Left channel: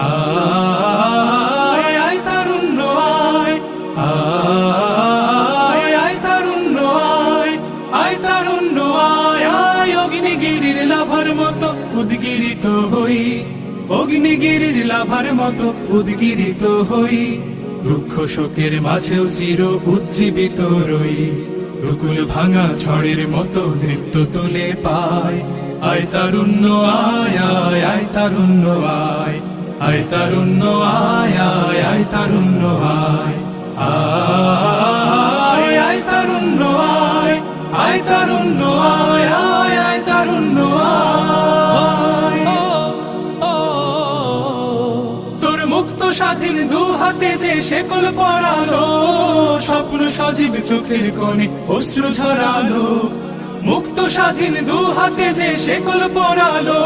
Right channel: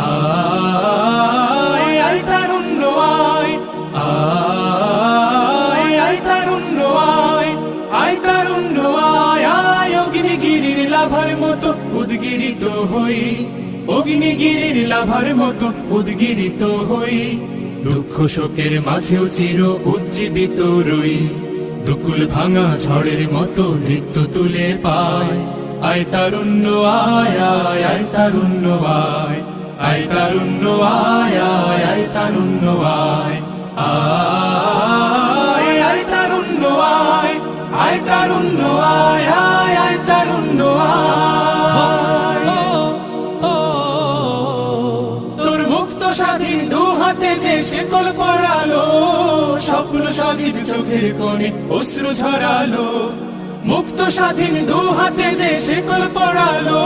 আয় আয় তারুণ্য আয়, আয় আয় তারুণ্য আয়, আয় তারুণ্য আয়, আয় অগ্নিগিরির লাভার মতো উদ্গিরিত হই, অগ্নিগিরির লাভার মতো উদ্গিরিত হই, দুঃখ শোকের মাঝেও চির উজ্জীবিত রই, দুকুল ভাঙা ঝড়ের মতো নৃত্য তুলে পায়। আয় তারুণ্য আয়, আয় আয় তারুণ্য আয়, আয় তারুণ্য আয়, আয় আয় তারুণ্য আয়, আয় আয় তারুণ্য আয়, আয় তারুণ্য আয়, আয় আয় তারুণ্য আয়। তোর মুক্ত স্বাধীন দু হাতে যে শেকল পড়ালো, স্বপ্ন সজীব চোখের কোণে অশ্রু ঝরালো, মুক্ত স্বাধীন দু হাতে যে শেকল পড়ালো।